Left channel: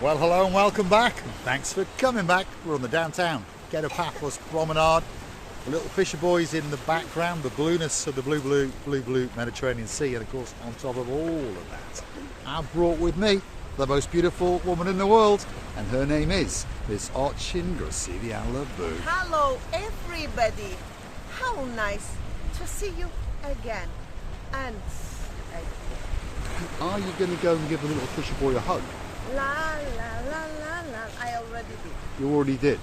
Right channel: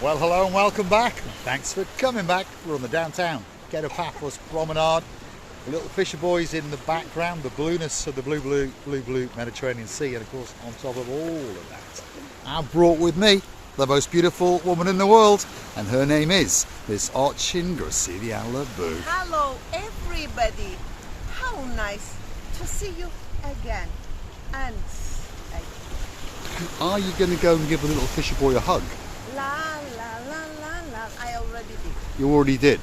Well, hello and welcome back. Thanks for coming back. We're on the downtown Kato Paphos Promenade. The little fisher boys in the background, the blueness of the blue Mediterranean Sea, and of course on top of all of that, I've brought with me the most beautiful woman in the world, and her name is Miss Orchin Gracilian-Lebeau. Hello everybody, how nice to see you again. And Are you going to go and give the little fisher boy a hug? la la la la la, I already did. You already did.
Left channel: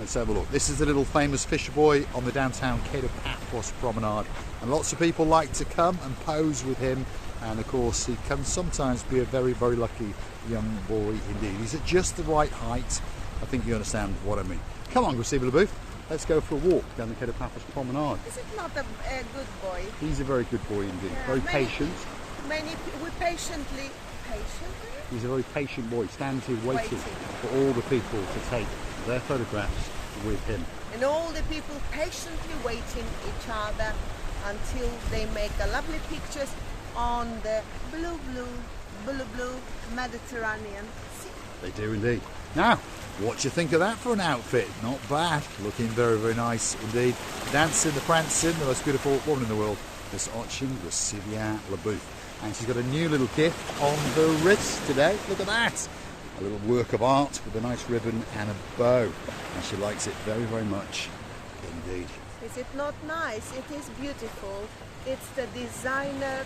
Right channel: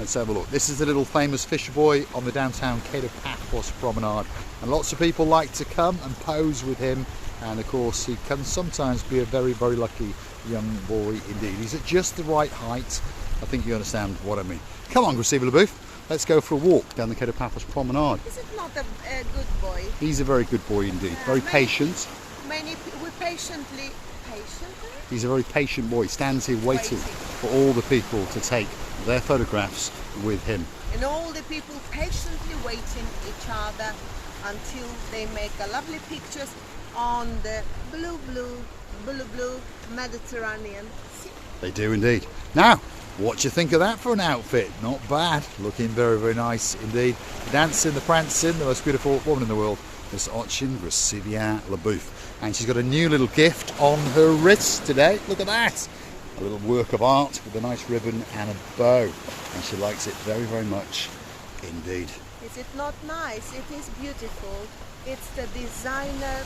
Let's have a look. This is the little famous fisher boy on the downtown Kato Paphos Promenade, and lots of people like to come and pose with him, and of course he can sometimes be a very, very lucky young boy indeed. He's at just the right height. I think you understand what I mean. Come on, Gracilian-Lebeau, let's go for a walk down the Kato Paphos Promenade. Is it not a good boy? He's a very good boy indeed, very patient. We patiently. He's a very patient boy. He stands here waiting for all the people to take their photographs with him. And all the people patiently waiting each other until they make a lovely pictures on the blue Mediterranean Sea. They do indeed. Now, what do you think of that for an outfit? Not bad. Looking very, very nice indeed. Dancing, the prancing, the most beautiful woman in the world, Miss Orchin Gracilian-Lebeau. And she's got a new little gift on her wrist today. Look at that. A little work of art with a nice ribbon and a bow. And she likes it very, very much indeed. Is it not nice? It is beautiful. It's the designer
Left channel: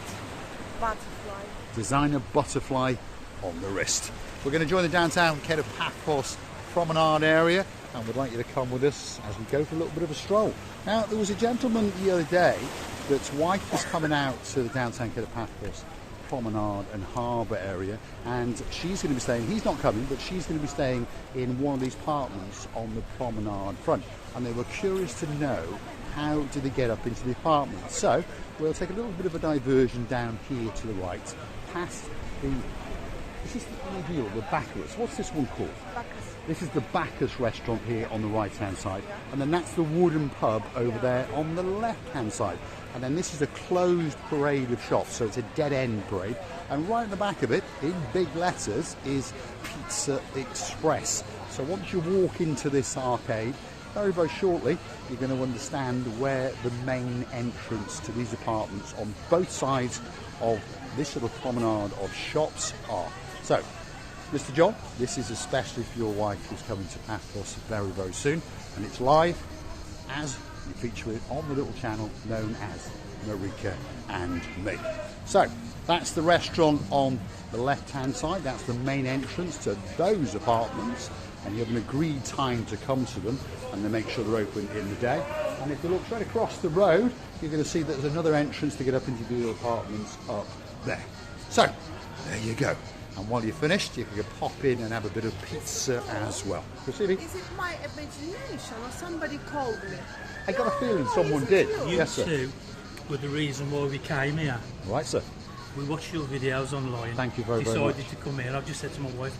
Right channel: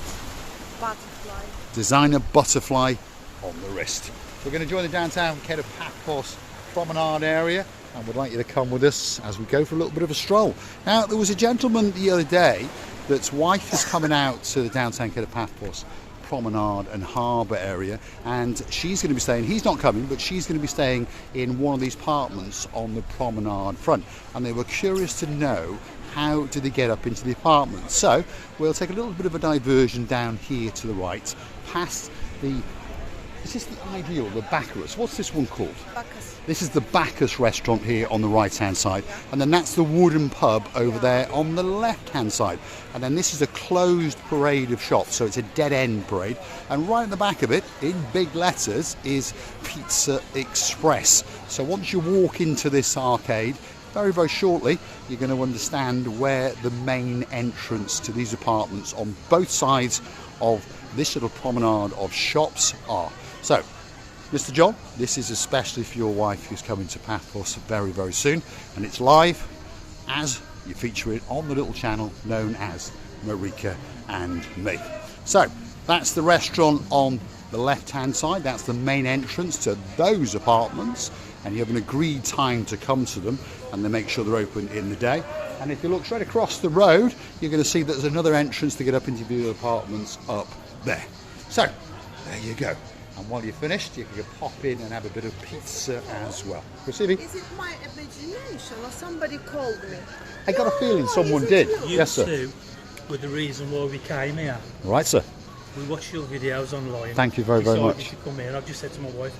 butterfly. Designer butterfly on the wrist. We're going to join the downtown Kato Paphos Promenade area, and would like you to come with us as we go for a little bit of a stroll. Now, there was a gentleman the other day that's wife is coming out to the downtown Kato Paphos Promenade and Harbour area, and she's going to be staying, he's not coming, but she's going to be staying in one of these apartments on the promenade front, and they were curious to know how do they get up into the apartment. So we'll take a little bit of a diversion down here to the right, past the, this is the ideal, the Bacchus. What's this one called? Bacchus. This is the Bacchus restaurant here on the right hand side, and then that's the wooden pub over there on the left hand side, and then this is a closed parade of shops, so it's a dead end parade, and right at the back of it in big letters is Pizza Express. So once you walk into this arcade, very, very shortly you're going to understand where the main entrance to these apartments on both sides of this little promenade of shops are. So Mr. John, this is especially for your wife who's coming to Paphos very, very soon, and it's live as you feature it on the little channel known as Marika Me. So that's the restaurant on the left hand side, that's the main entrance to those apartments, and you have an agreed time to come to them, and they make sure they're open in the day. And if you look straight across the road, you're going to see that there's another entrance to get up into the apartments up there. So there you go. And while you're finished, you can pop in and have a bit of pizza as well. Is it my imagination or somebody called me? I got a feeling someone did. Yes, sir. You two were the reason why we came here. Right, sir. We watched your videos online. Thank you very, very much. Decided to come here. I've just said to my wife,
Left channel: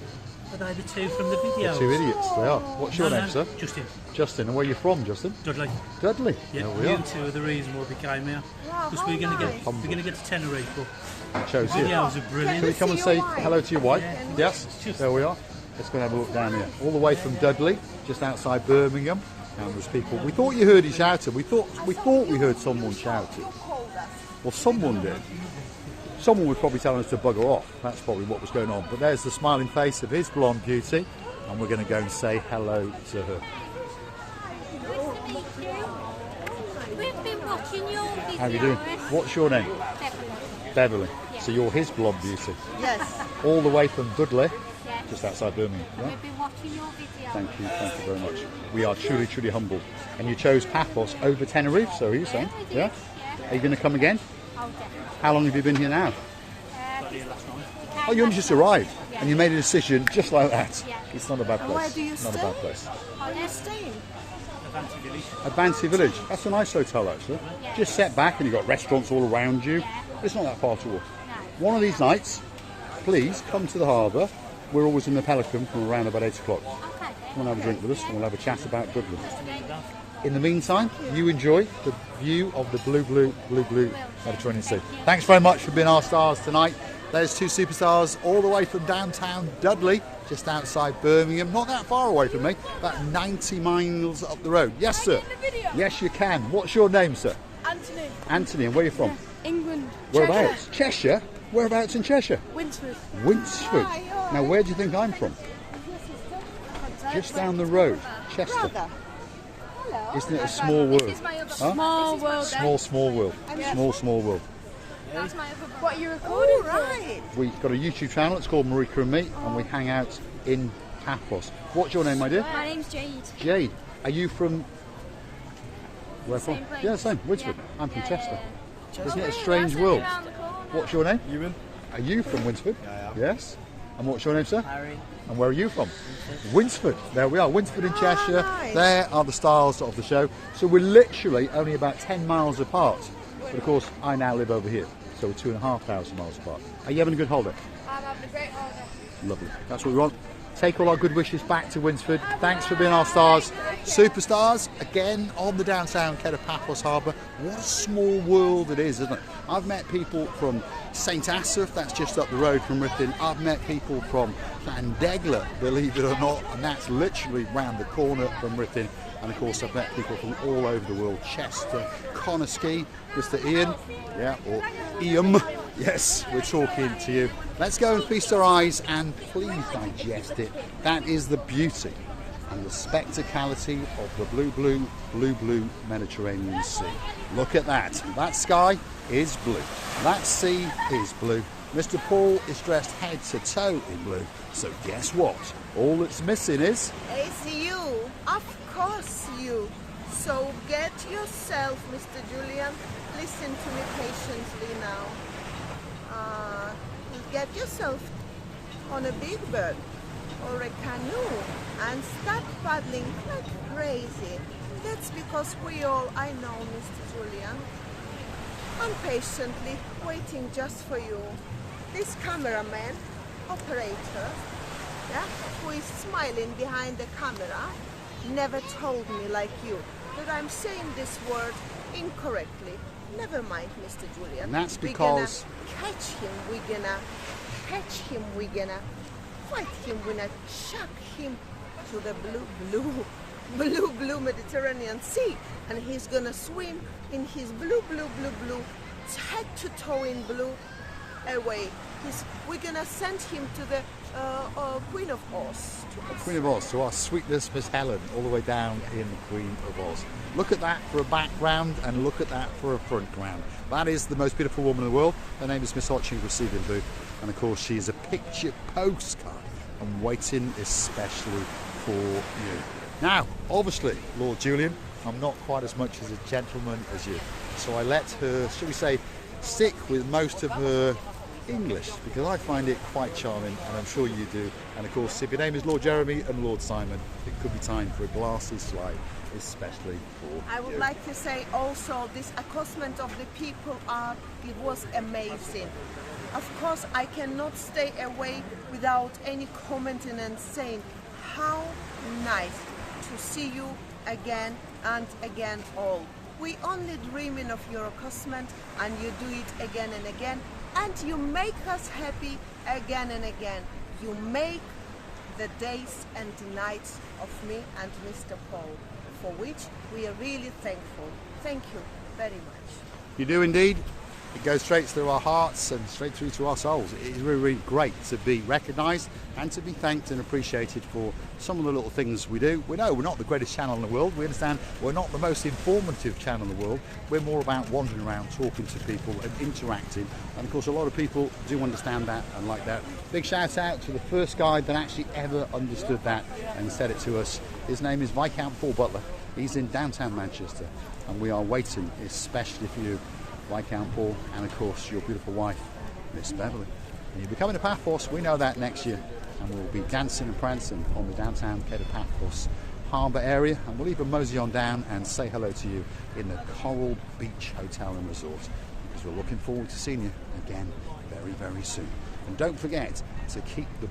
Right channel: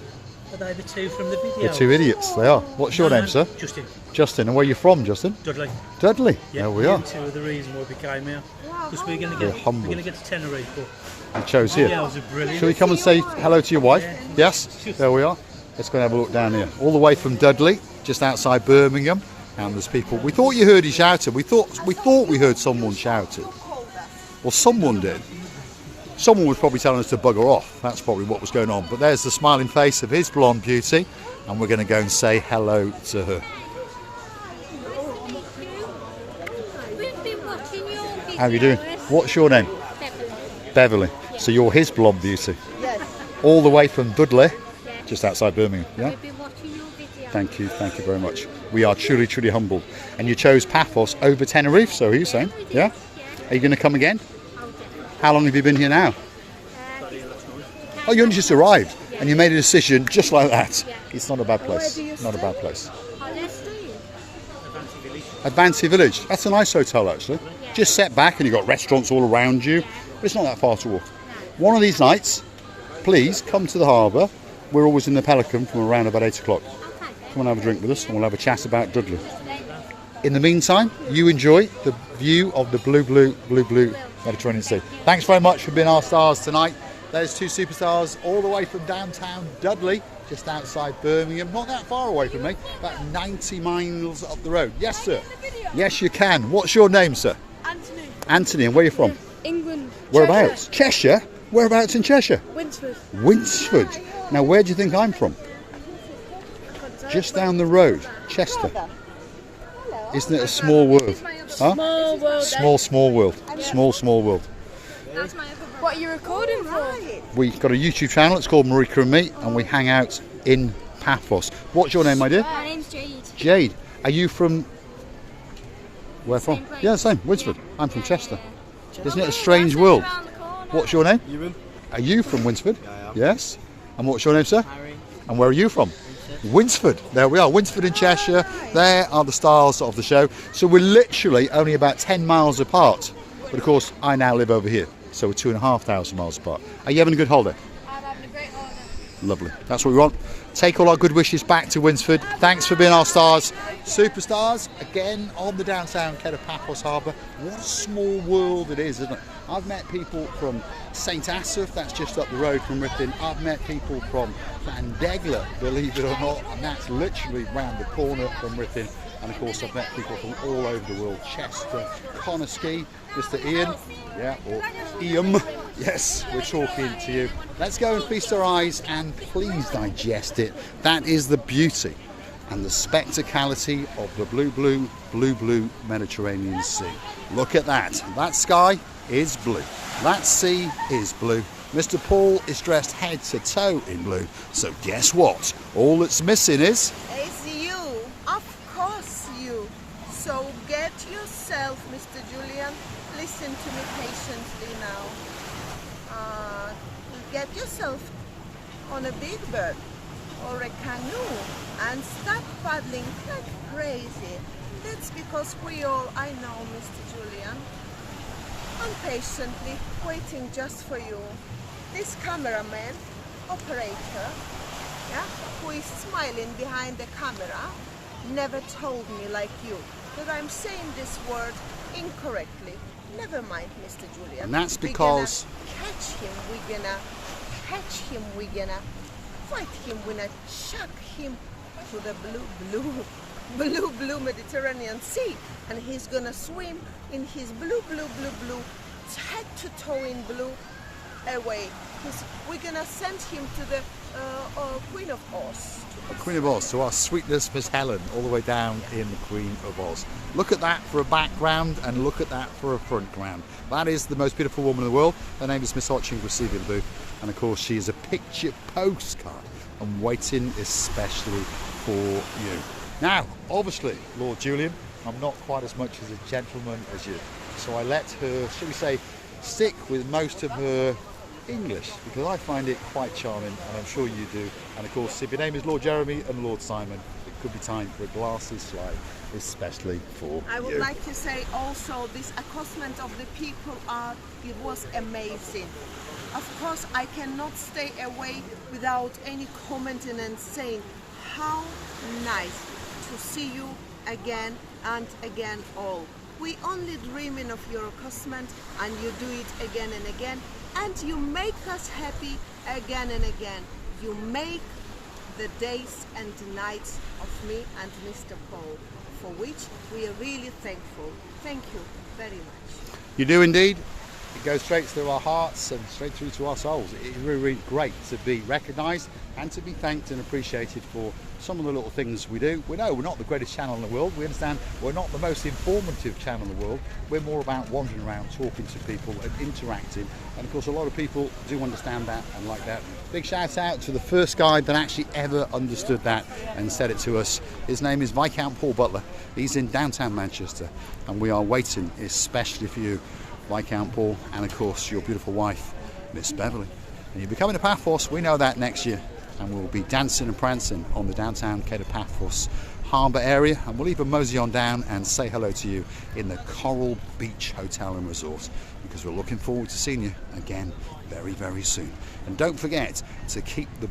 are they the two from the video? The two idiots, they are. What's your name, sir? Justin. Justin, and where are you from, Justin? Dudley. Dudley. Yeah, there we are. You two are the reason why we came here. Because we're going to get to Tenerife. I chose here. Videos are brilliant. Shall we come and say hello to your wife? Yeah. Yes? There we are. Let's go and have a look down here. All the way from Dudley, just outside Birmingham. And there's people. We thought you heard he shouted. We thought we heard someone shouting. Well, someone did. Someone was probably telling us to bugger off. That's probably what was going on. But there's the smiling face of his blonde beauty, and we're going to go and say hello to her. Nice to meet you. We've been watching your videos. How are you doing? What's your name? Beverly. Beverly. Yes. So you're his blonde beauty. Yes. All the way from Dudley, Yes. just outside Birmingham. Yeah. We've been watching your videos. Thank you very much. We are truly, truly humbled. And you chose Paphos over Tenerife, so are you saying? we did. Yeah? Yeah. Are you going to come again? Oh, definitely. How long have you been here now? Oh, you only just arrived, Yeah. and you made a decision just like that. Yeah. It's not a bad place. Where do you Not a stay? bad place. Oh, they're staying. Advancy Village. That's a nice hotel, actually. Yeah. Just set back, and you've got restaurants all around you. Yeah. It's not that far to walk. No. One of these nights, please come to the harbour. We're always in the Pelican from around about 8 o'clock. Okay, then. Come and have a drink with us, and we'll have a chat about Dudley. In the meantime, you enjoy the view of the blue Mediterranean Sea. Thanks very much for being our stars tonight. There's two superstars all the way from downtown Dudley, just outside Birmingham, not that far away from me, about 90 miles up the road. Yes, sir. Yes, you can. What's your name, sir? Anthony. Anthony, and where are you from? England. Whereabouts? Cheshire? Whereabouts in Cheshire? Winsford. Winsford. Now, where do you think I'm from? Just down the road, Chester. Isn't it a small world? Huh? Small world. Small world. Small world. What are you recording for? We've got a YouTube channel, it's called Marika Me, and we hang out in Paphos. What's your name, my dear? My name's Jade. Jade. Are you from... Where from? Same place. Yeah, same, Winsford. Yeah. I'm from Yeah, Chester. yeah. Isn't it a strange world? Around the corner. What's your name? Ewan. Are you from Winsford? Yeah, I am. Yes. And what's your name, sir? Harry. And where are you from? Winsford. There we are, Winsford in Cheshire. There are the stars of the show. So we're literally only about 10 miles apart. But of course, I now live over here. So we're 2,500 miles apart. Are you having a good holiday? I'm having a great holiday. Lovely. That's what we want. Take all our good wishes back to Winsford. Thanks for being our stars. Superstars, again, on the downtown Kato Paphos Harbour. What a small world it is, isn't it? I've met people from St Asaph, that's just up the road from Ruthin. I've met people from Llandegla, believe it or not, and that's literally round the corner from Ruthin. And of course, I've met people from all over the world. Chester, Conisky, Mr. Ian, yeah, or Ian. Yes, we're talking to you. Let's go and feast our eyes and please digest it. That is the beauty and the spectacality of the blue Mediterranean Sea. Look at that. That sky is blue. That sea is blue. Mr. Paul is dressed head to toe in blue. So guess what? All that's missing is... It's you. Of course you. So get yourself, Mr. Julian. Listen to me patiently now. Get yourself on a big boat or a canoe and start paddling like crazy. That's because I know, Mr. Julian. I'm patiently waiting just for you. This cameraman, operator, yeah, who is smiling behind the camera, never told me like you that I'm saying this word incorrectly. Never mind, Mr. Julian. And that's because... We're gonna catch him, we're gonna fight him, we're gonna chuck him to the blue Mediterranean Sea. And he's gonna swim in his blue, head to toe in blue away. We're gonna send him to the Queen of Oz. Queen of Oz, to our sweet Miss Helen, all the way down in the Queen of Oz. Look at that for a background and look at that for a front ground. That is the most beautiful woman in the world. Her name is Miss Hotching, receiving the booth. And of course, she is a picture postcard and waiting especially for you. Now, obviously, Lord Julian, I'm not quite as much as a gentleman as you. So I let her, shall we say, stick with most of her English because I find it quite charming and I'm sure you do. And of course, if your name is Lord Jeremy and Lord Simon, it could be time for a glassy slide, especially for I would you. like to say also this accostation of the people it was amazing. Of course, I cannot stay away without any commenting and saying how nice to see you again and again all. We only dreaming of your accostation and you do it again and again. And you make us happy again and again. You make the days and nights of me and Mr. Paul, for which we are really thankful. Thank you very much. You do indeed. It goes straight through our hearts and straight through to our souls. It is really, really great to be recognised and to be thanked and appreciated for some of the little things we do. We know we're not the greatest channel in the world. We understand we're not the most informative channel in the world. We're more about wandering around, talking to people and interacting. And of course, a lot of people do understand that and like that. Big shout out to the first guy that actually ever understood that and said it to us. His name is Viscount Paul Butler. He's in downtown Manchester and we are waiting especially for you, Viscount Paul, and of course your beautiful wife, Miss Beverly. And you'll be coming to Paphos, we know that, next year. And we'll be dancing and prancing on the downtown Kato Paphos Harbour area. And we'll even mosey on down and say hello to you in the Coral Beach Hotel and Resort, because we're looking forward to seeing you again very, very soon. And don't forget to keep the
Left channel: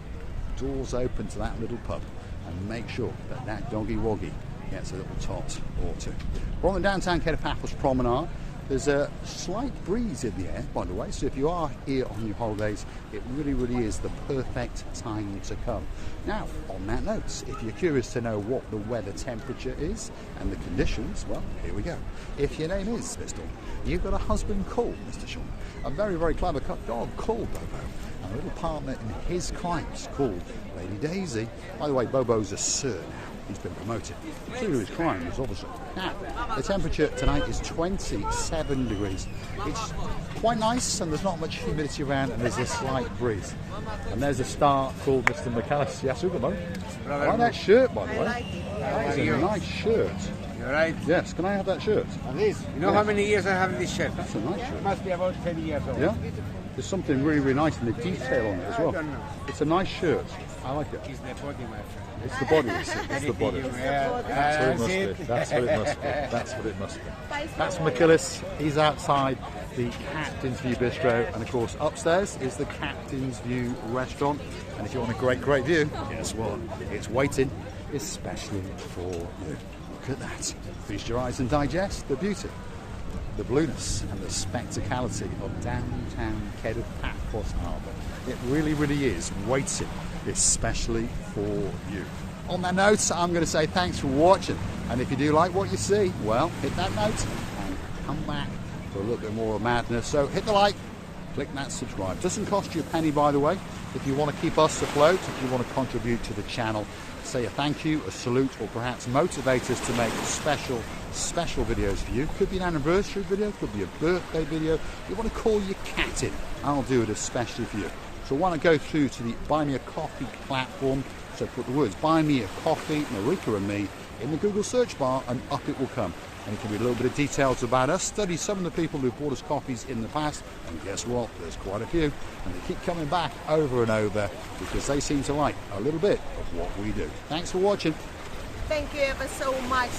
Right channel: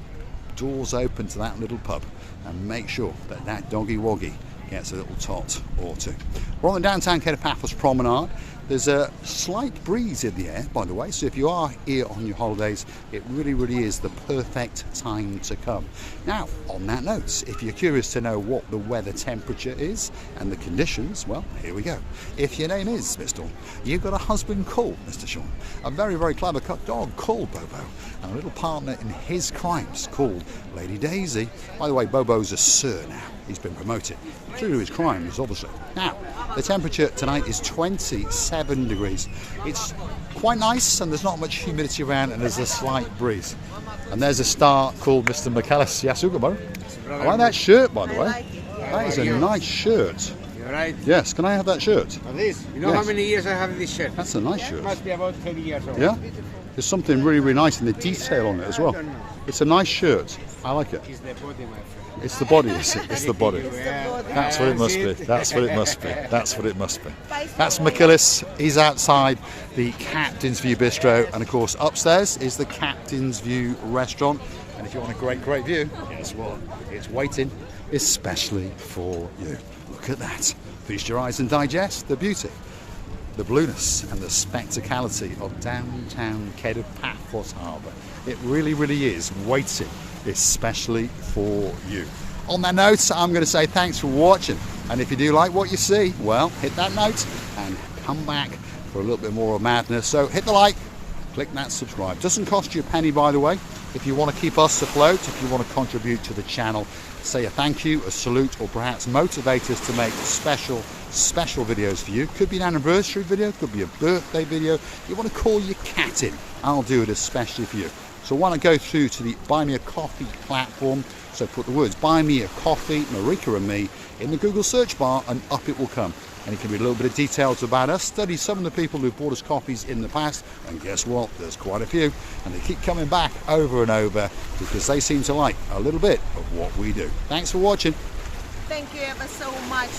doors open to that little pub and make sure that that doggy woggy gets a little tot or two. We're on the downtown Kato Paphos Promenade. There's a slight breeze in the air, by the way, so if you are here on your holidays, it really is the perfect time to come. Now, on that note, if you're curious to know what the weather temperature is and the conditions, well, here we go. If your name is Mr. You've got a husband called Mr. Sean, a very clever dog called Bobo, and a little partner in his crimes called Lady Daisy. By the way, Bobo's a sir now. He's been promoted. True to his crimes, obviously. Now, the temperature tonight is 27 degrees. It's quite nice and there's not much humidity around and there's a slight breeze. And there's a star called Mr. McAllis. Yes, I like that shirt, by the way. That is a nice shirt. You're right. Yes, can I have that shirt? At least. You know Yes. how many years I have this shirt? That's a nice It shirt. must be about 20 years old. Yeah? There's something really nice in the detail on it as well. I don't know. It's a nice shirt. I like it. It's the body, my friend. It's the body, is it? It's the body. Anything you wear, That's what it must be. That's what it must be. That's what it must be. That's McAllis. He's outside the Captain's View Bistro, and of course upstairs is the Captain's View Restaurant. And if you want a great view, guess what? It's waiting especially for you. Look at that. Feast your eyes and digest the beauty, the blueness and the spectacality of downtown Kato Paphos Harbour. It really is waiting especially for you. On that note, I'm going to say thanks for watching, and if you do like what you see, well, hit that note and come back for a little bit more of madness. So hit the like, click that subscribe. Doesn't cost you a penny, by the way. If you want to keep us afloat, if you want to contribute to the channel, say a thank you, a salute, or perhaps motivate us to make special videos for you. Could be an anniversary video, could be a birthday video. You want to call your cat in, I'll do it especially for you. So why not go through to the Buy Me a Coffee platform. So put the words Buy Me a Coffee, Marika Me in the Google search bar and up it will come. And it can be a little bit of details about us, study some of the people who've bought us coffees in the past, and guess what, there's quite a few, and they keep coming back over and over because they seem to like a little bit of what we do. Thanks for watching. Thank you ever so much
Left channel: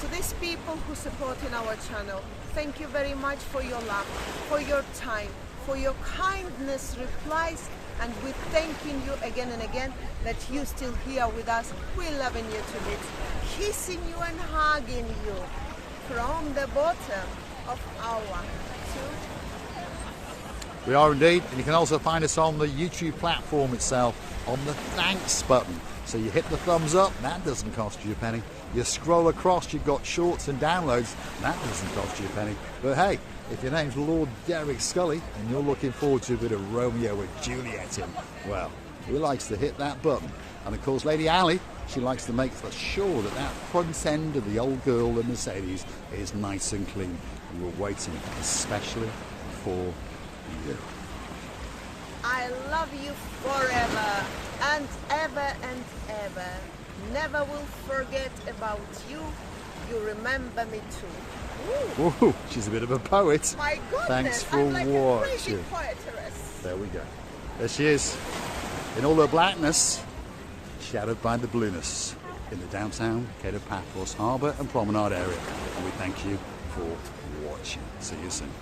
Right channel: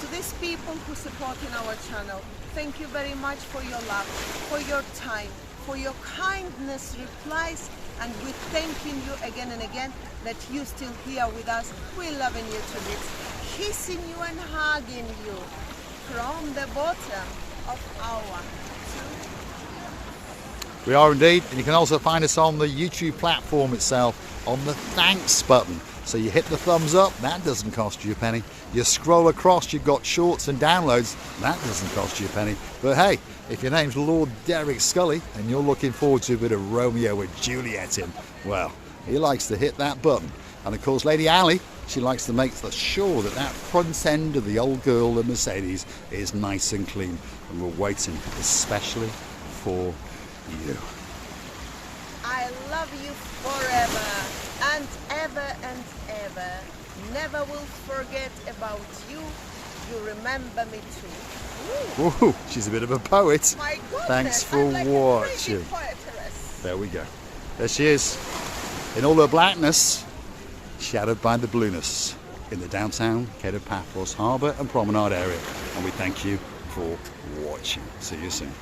to these people who support in our channel. Thank you very much for your love, for your time, for your kindness replies, and we're thanking you again and again that you're still here with us. We're loving you to bits, kissing you and hugging you from the bottom of our We are indeed, and you can also find us on the YouTube platform itself on the thanks button. So you hit the thumbs up, that doesn't cost you a penny. You scroll across, you've got shorts and downloads, that doesn't cost you a penny. But hey, if your name's Lord Derek Scully and you're looking forward to a bit of Romeo and Juliet in, well, he likes to hit that button. And of course, Lady Ali, she likes to make sure that that front end of the old girl, the Mercedes, is nice and clean. And we're waiting especially for you. I love you forever and ever and ever. Never will forget about you. You remember me too. Ooh, she's a bit of a poet. My goodness, Thanks for I'm like a crazy watching. poetess. There we go. There she is. In all her blackness, shadowed by the blueness in the downtown Kato Paphos Harbour and Promenade area. And we thank you for watching. See you soon.